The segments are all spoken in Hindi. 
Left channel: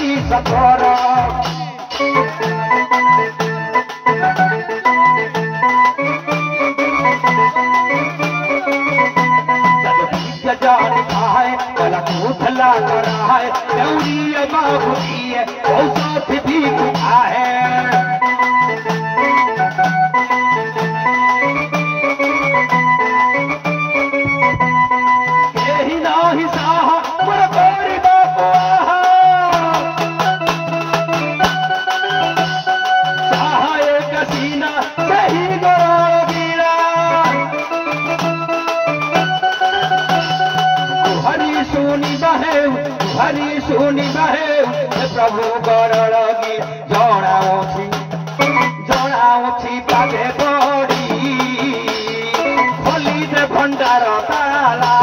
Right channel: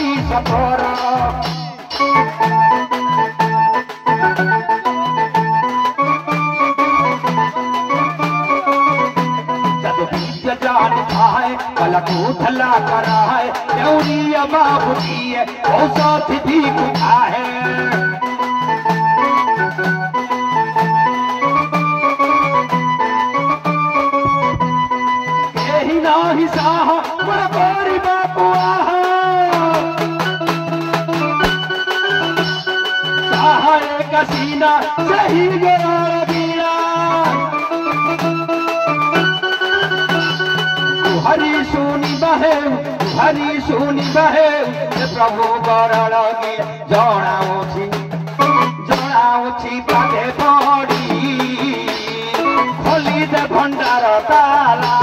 आई सफर जान खाए अलग उठला करा है देवरी बाबूजी है साथ भी है यही नाही साह मोर गोरी बाबुआ चाहे कसीना सही गोरा बीरा हरी सुनी बहे प्रभु गरगी जनाऊँ पाले पड़ी खोली दे भंडार ताला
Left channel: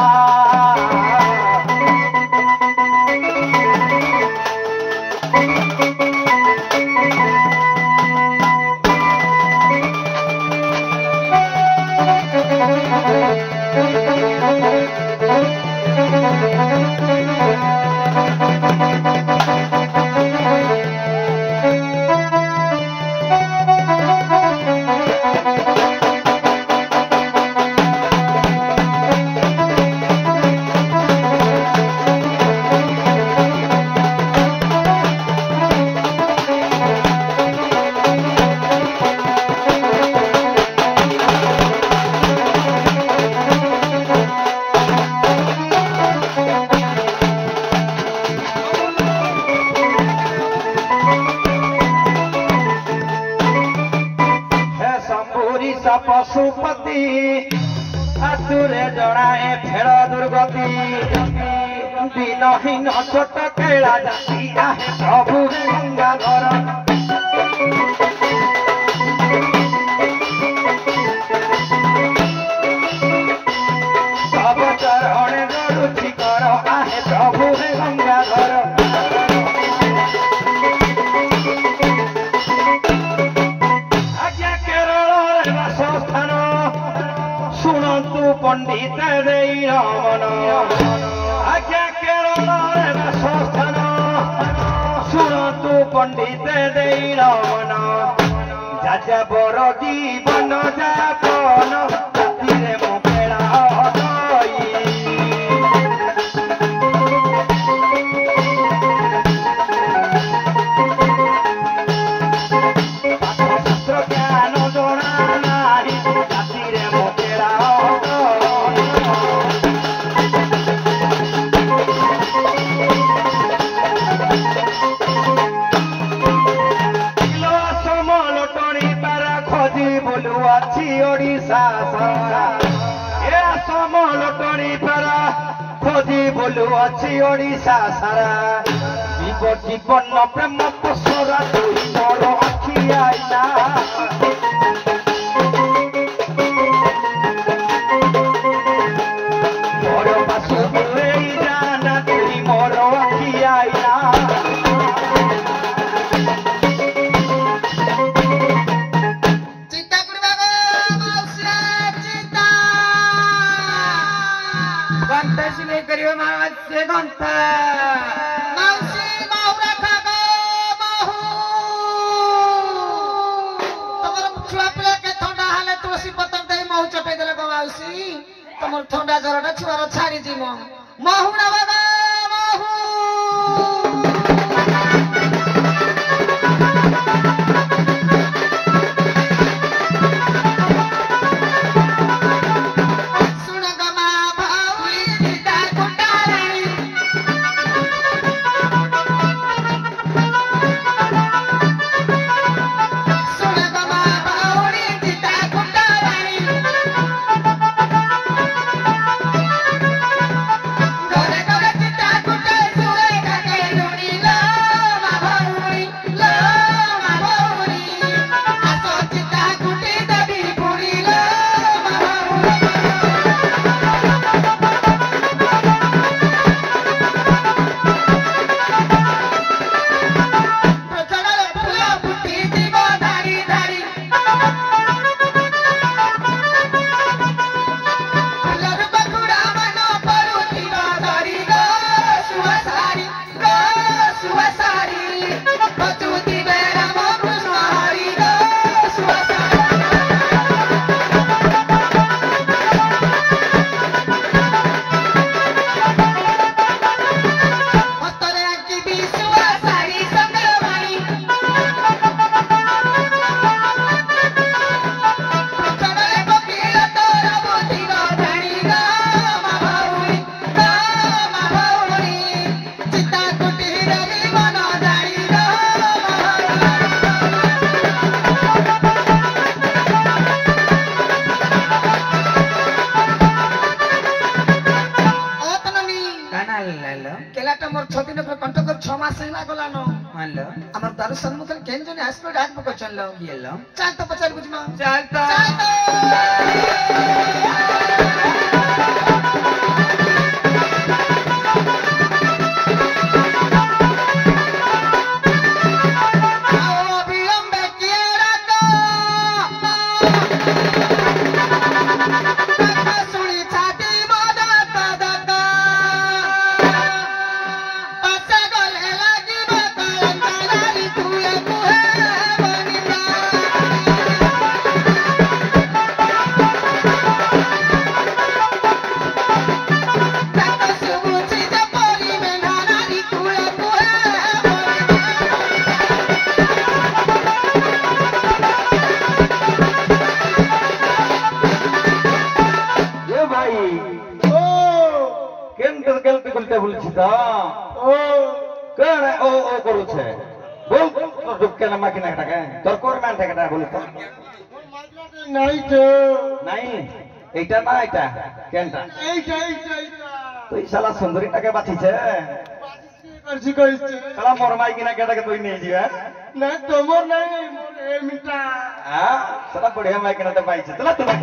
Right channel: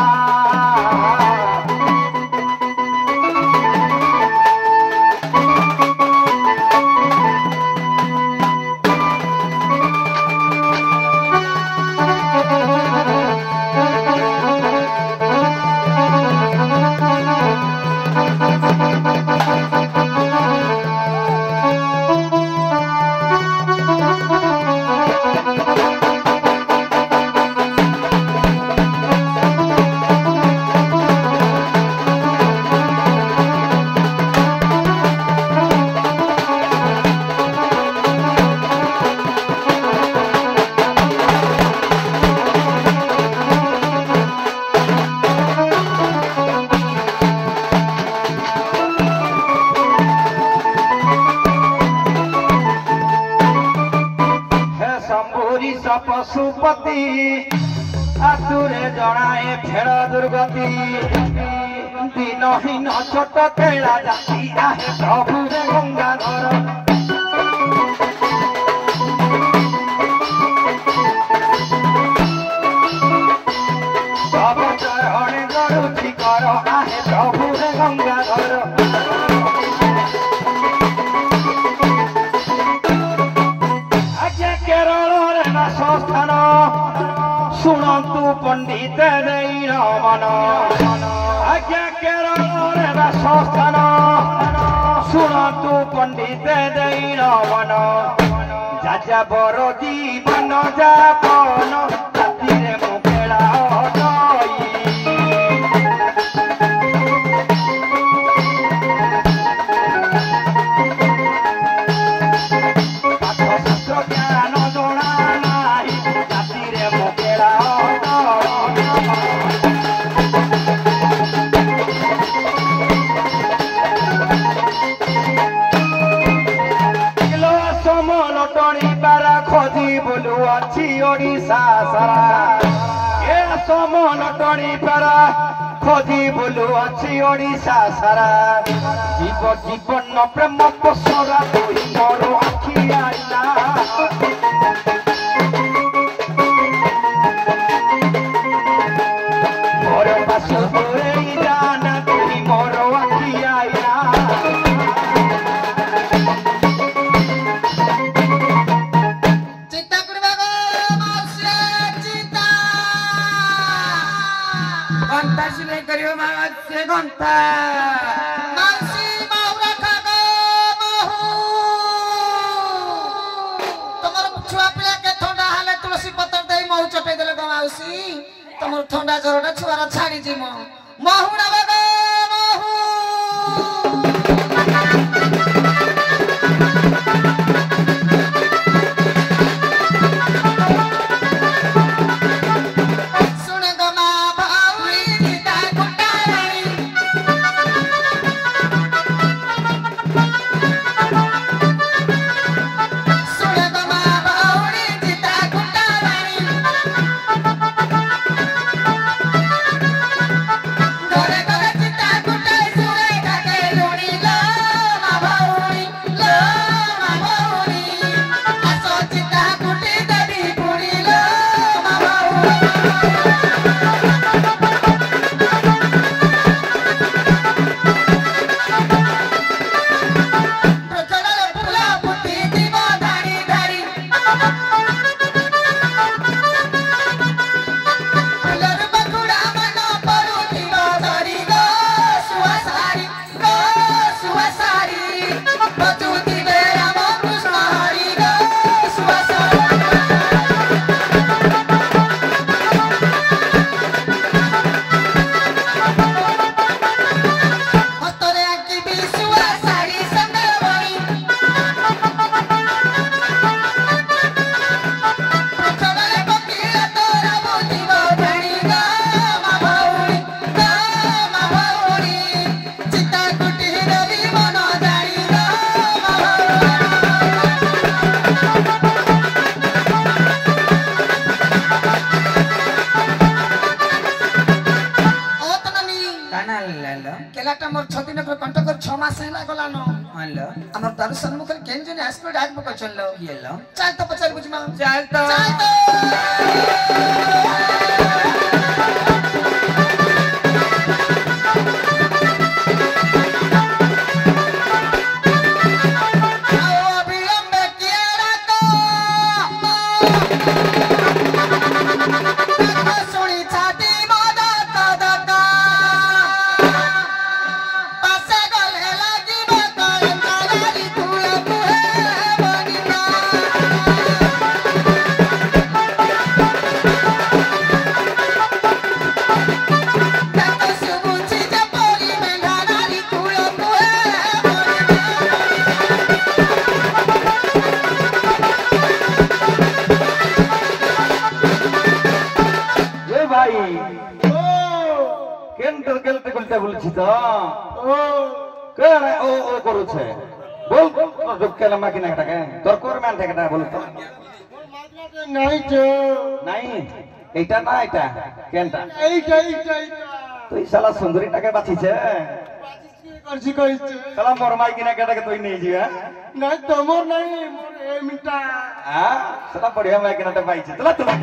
पशुपति आतुरे जनाए फेड़ दुर्गति दिनहीन छोट केला जाती आहे प्रभु गंगाधर सब चरण गरुथी कर आहे प्रभु गंगाधर स्थान शुणु पंडित मन आज्ञा केरल स्थान शुणु पंडित मन जाजा बर जीवन जापन राति मुखेड़ा खोजी बोलू अच्छी ओडिशा सारा जीवन प्रेम पसरा तुई मोर आखि आईना मोर पासु तुई जाना तुई मोर आखि आईना शिवे करियो मावत से घंटा माउसी माउरा खाबे महू तमर छुआ पिला के ठंडा हाले तुलसी पत्र दे महू चपे देले गो माउसी तमर ठंडा जरडा छुआरा छाड़ी जी महू ना बाबा महू Go, गलानो हालो हमर दर्शन मुखल केन जने आसलो डाक पक चललो येलो चल तो पचल बुझमा चल तो বুলছিতা ও কেন ও ও করছে বল তোর কেন মাকিনা টাকা তোর কোর মান টাকা না বল তো নাই তো নাই এইটা না এটা কেনটা এইটা তুই শালা সুন্দরী টাকা বাঁচিছে করছি কইছে শালা মোর মাইকিনা টাকা তুই নিয়ে যাবে না তোমার নাই মোর এমিটা হ্যাঁ শালা বড়িয়া মাইকিনাটা পাইছে চলা তুমি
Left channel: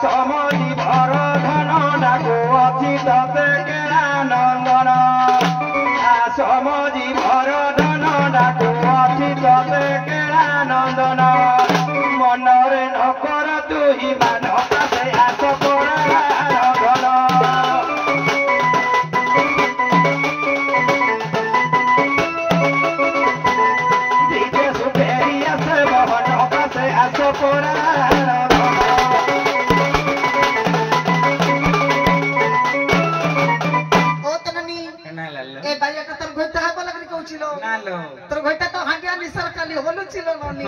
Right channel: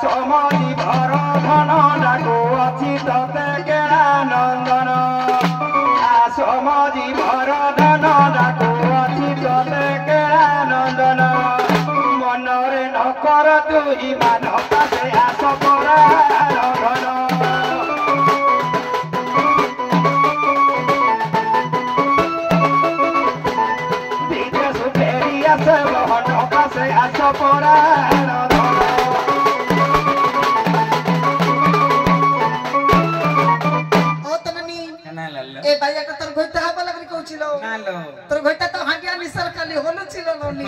সমতি ভর ধন নাগো অছি ততে কেনা নন্দন সমতি ভর ধন নাগো অছি ততে কেনা নন্দন মনরে নকর তুই মান পাশে আস পড়া ঘন বিদেশ ফেরি আসে মন পাশে আস পড়া তোর ঘরটা তো হাঁটিয়া নিসার কালি হলুছিল ননি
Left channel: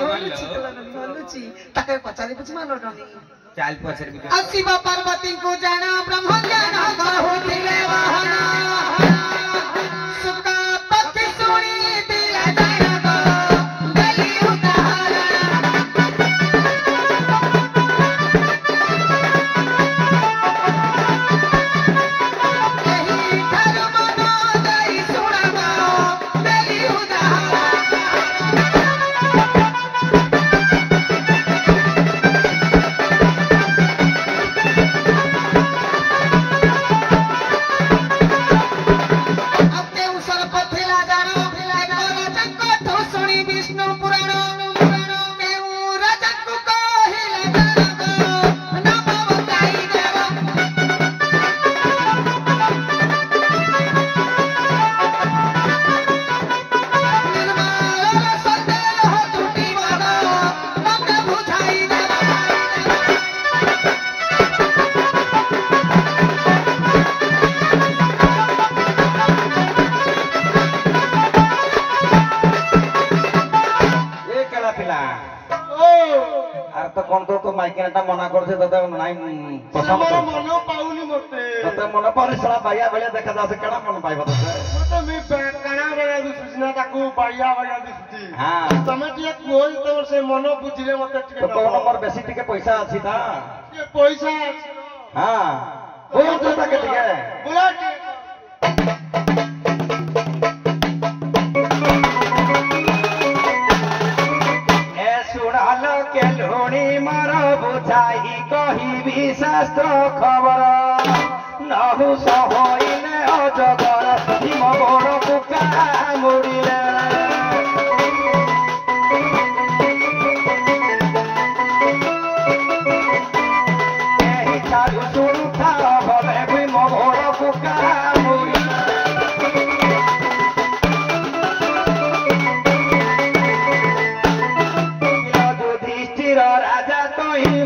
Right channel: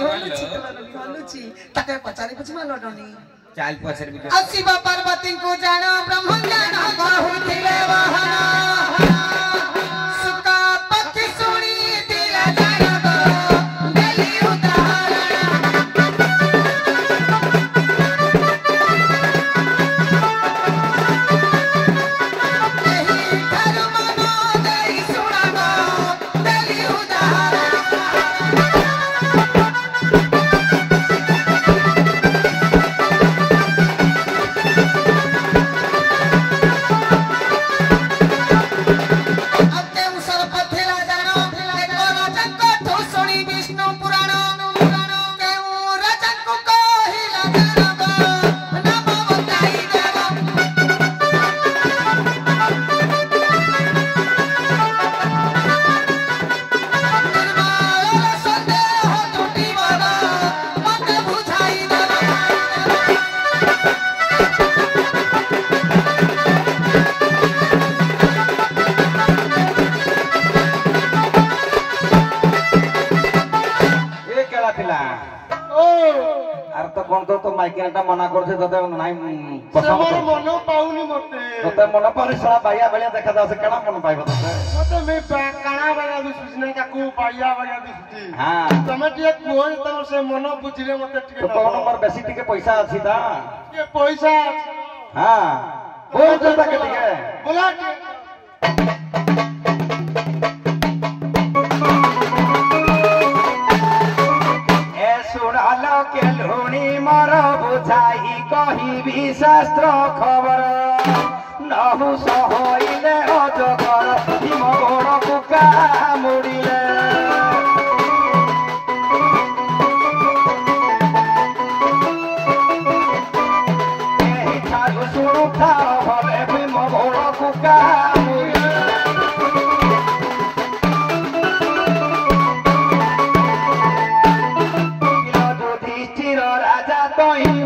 হলুছি তাকে পচারি বুঝমা ননি চাল পছর ভিডিও শিব পার্বতীଙ୍କୁ ଜାଣ ବ୍ରହ୍ମ ଜ୍ଞାନ କହୁଥିଲେ ବାହନ ସୁକ ପକ୍ଷୀ ଶୁଣିଥିଲେ ଜାଣବ ଦେଲି ଉଦାହରଣ ଏହି ଠାରୁ ମନ ଦେଇ ଶୁଣବ ଦେଲି ଉଦାହରଣ মাইকিনাটা মনা করছে তাতে নাই মনে পাউনি মতে তাতে মনে পরিশ্রম ভাইয়া ভাইয়া দেখা যাচ্ছে কেনা মনে পাইবা তাতে মতে মে কানা ভাইয়া দিছি না তাকু ভাইয়া ভাইয়া দিছি হ্যাঁ তুমি টিকে কোই তোমার সে মন বুঝিলে মতে টিকে তো তোর নম্বর বেশি টিকে পয়সা আছে তা কে পয়সা আছে হ্যাঁ কোন তো তাকে টিকে বলা মর বুঝাই কহিবি শাস্ত্র খবর নহু সহইলে অজগর মোর বুকা মুড়িলে এই ঠারু সুরক্ষা হবে মোর বুকা মুড়িলে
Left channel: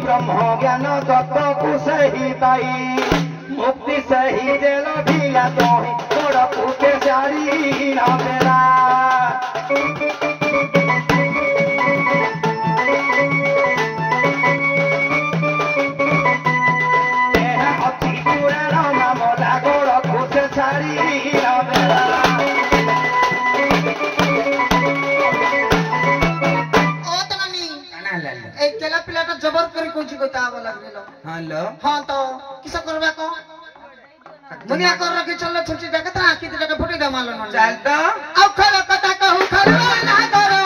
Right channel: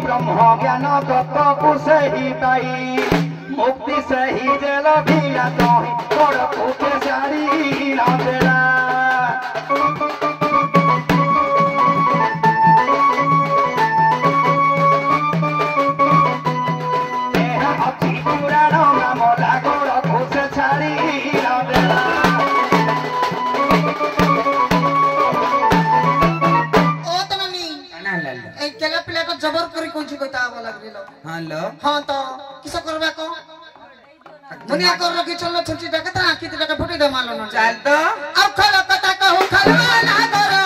ब्रह्म ज्ञान तत्व सही पाई मुक्ति सही जेल भिला तोही तोड़ फूटे साड़ी न देला अति पुराण मामला गोड़ फूटे साड़ी न देला এই কেলা পিলাটা জবর करी कोची कोता आवा लागलो हां लो हां तो किस करबा को दुनिया कर रखी चल छुट्टी डाके ता आखी डाके फुटी दे मालो न चल तो आ खरा कथा कहू खरा ना करो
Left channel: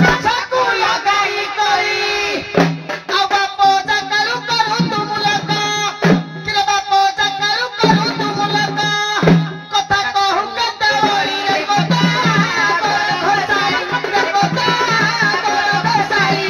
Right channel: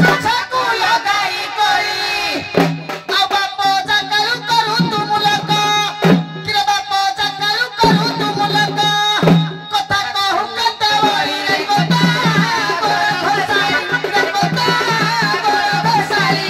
चाचा को लगाई कोई आ बापो जा करू करू तुम लगा कि बापो जा करू तुम लगा कथा कहू कथा वरी रे कथा भसाई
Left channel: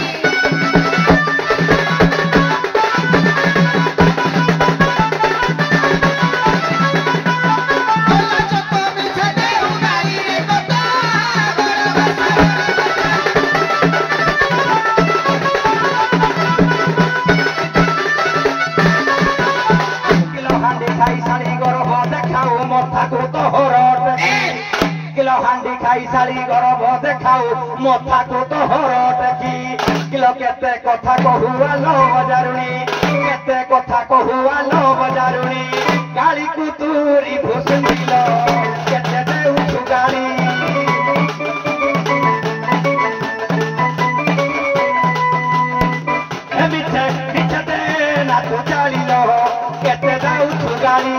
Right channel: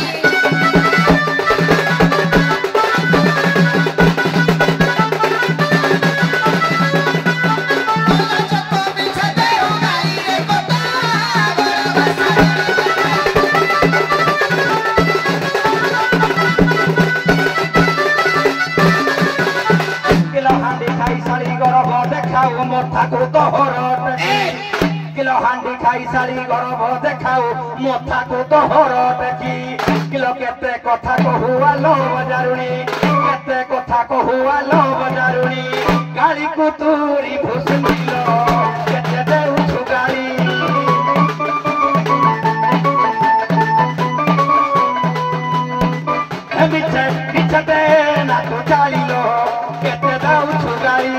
किलो हांडी खाई सारी गरब देखाऊ मथा को तोहर टेकी किलो केते कथा कहुआ लो बजारुणी केते कथा कहुआ लो बजारुणी गाली कुतुरी भुसुंडिलो केते देउ गाली हे बिछे बिछते ना तू चालिलो केते देउ गाली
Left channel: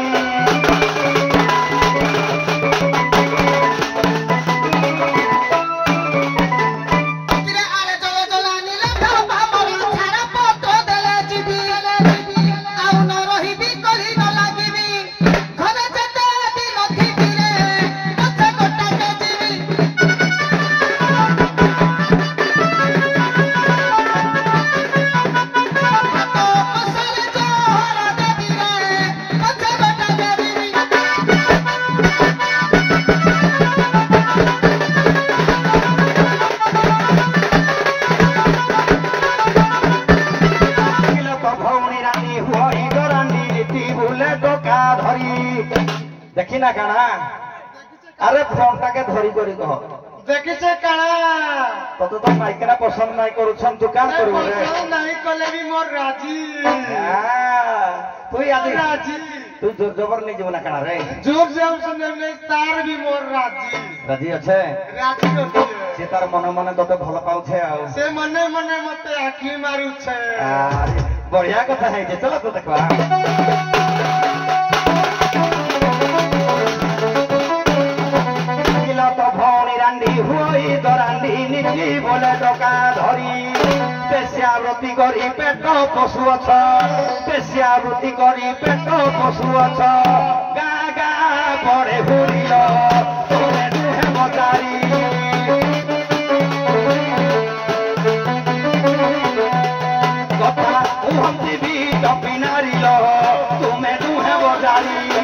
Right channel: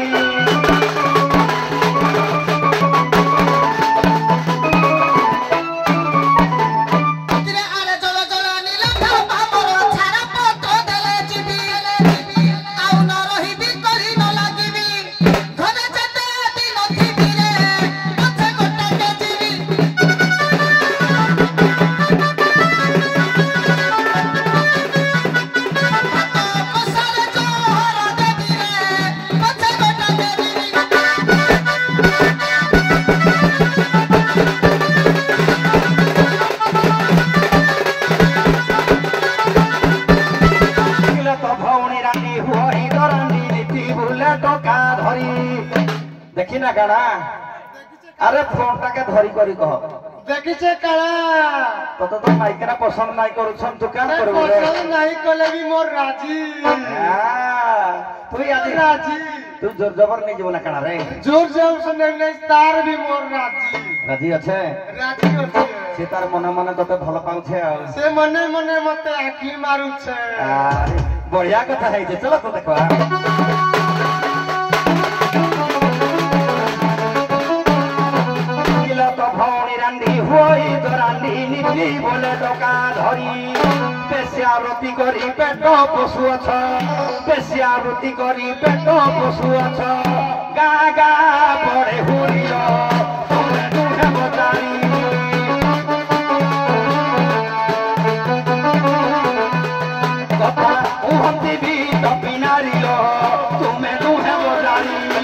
देखी ना काना अरे फोनटा के धरी करी कह देखिछे काला तो तो माइकरा पसंद नहीं करूछन तू काम करबो रे पसंद नहीं कले भी मोर राजी तू याद राजी तू जोर जबर नहीं जीवन काना रे जोर जोर से नहीं तार भी मोर राजी राजी अच्छे राजी होती से तार मने मने तोते भल पाउछे आ से मने मने मते आखी मारू छे बढ़िया कथा है जे चलो तो देखवा हुई दरांडी नीति बोले डका धरी पेशियावृत्ति करी पेट पशु अछ पेशियावृत्ति करी पेट पशु अछ गा गा पड़े हुरिल तुले दुहे मचारी कथा उहती भी तपी नारिल तुमे दुहे बजारी